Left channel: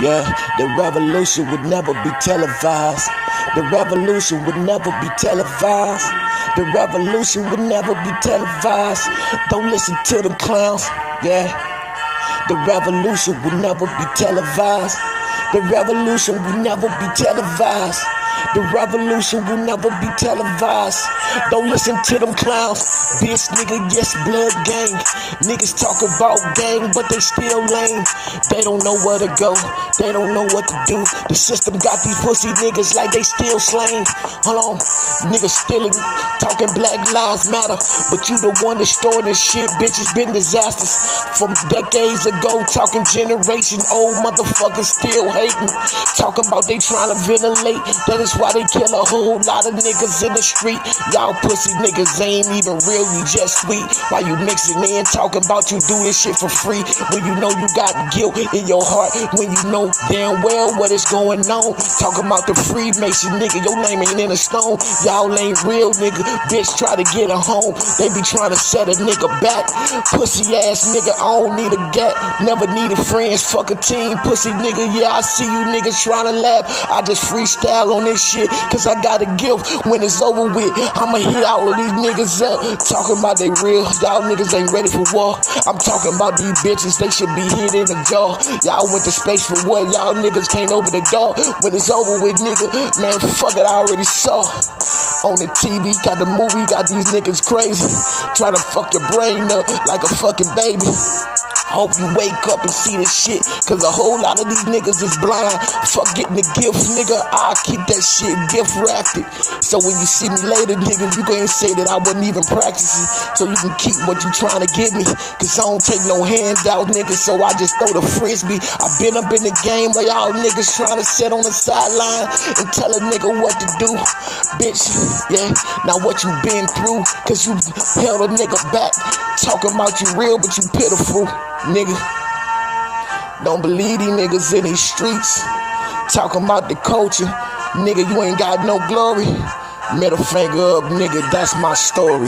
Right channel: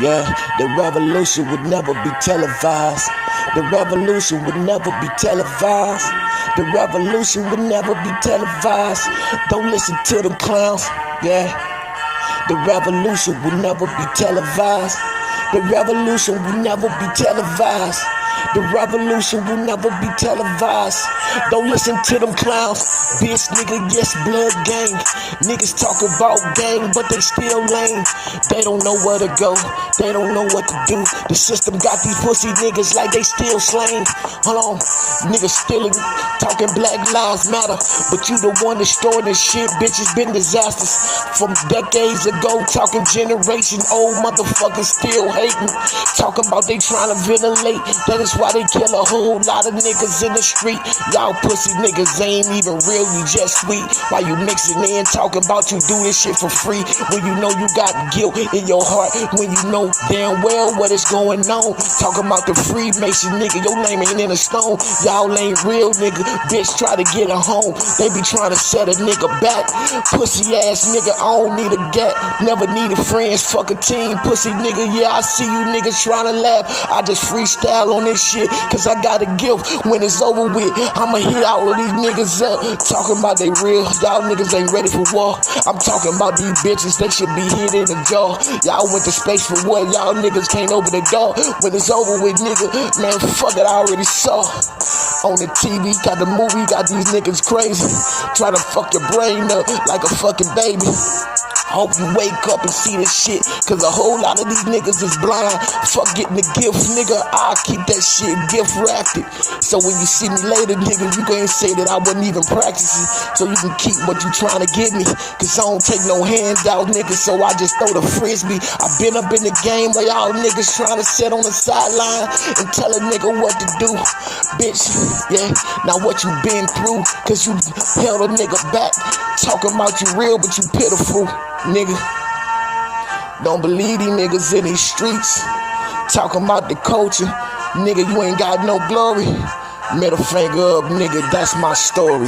Yeah, the revolution would never be televised. The revolution would never be televised. The revolution would never be televised. Don't listen to the clowns. Yeah, the revolution would never be televised. The revolution would never be televised. The revolution will never be televised. Don't listen to them clowns. Bitch, nigga, yes, blood gang. Niggas talk about gang, but they still lame. They don't know where to go. They don't know what to do. The system got these pussy niggas like they still slain. Hold on, niggas still talking Black Lives Matter, but you the one that started shit. Bitch, it's been disasters from decades ago. Talking generation old motherfuckers still hating. Talking about they trying to ventilate. That is why they kill a whole lot of niggas in the street. Y'all pussy niggas ain't even real, you just sweet. Why you mixing in, talking about you doing shit for free, when you know you got guilt in your heart, when you know damn well what is going on. Talking about the Freemason nigga, your name ain't in the stone. Y'all ain't real nigga, bitch try to get a home. They be trying to set a nigga back. Pussy ass nigga, I don't need a gap. Never needed friends, fuck a team. Pussy nigga, yeah, I see you niggas trying to laugh. I just freestyle on this shit, cause I got a gift. When it's over with, I'ma hear all of these niggas talking about they real. Y'all niggas ain't ready for war. I'm talking about these bitches, they should be hit in the jaw. Y'all went to space for what? Y'all niggas can't open the door. When it's over with, nigga, man, fuck it, I already saw. On the TV, got the movie, got these niggas crazy. Trying to fuck your brain up like a fucking baby. I hope you wake up and see this shit, cause a whole lot of these niggas is blind. Fuck getting the gift, nigga, I'll keep that shit gift wrapped. So when you see me later, nigga, you can't say that I wasn't even practicing. So you can keep what you trying to get me, cause I don't take no handout, nigga, so I just throw the frisbee. I been up in the game where y'all niggas trying to sit on the sideline and tell a nigga what to do. Bitch, yeah, now what you been through, cause you held a nigga back. Talking about you real, but you pitiful. Nigga, don't believe these niggas in these streets. Talking about the culture. Nigga, you ain't got no glory. Middle finger up, nigga, that's my story.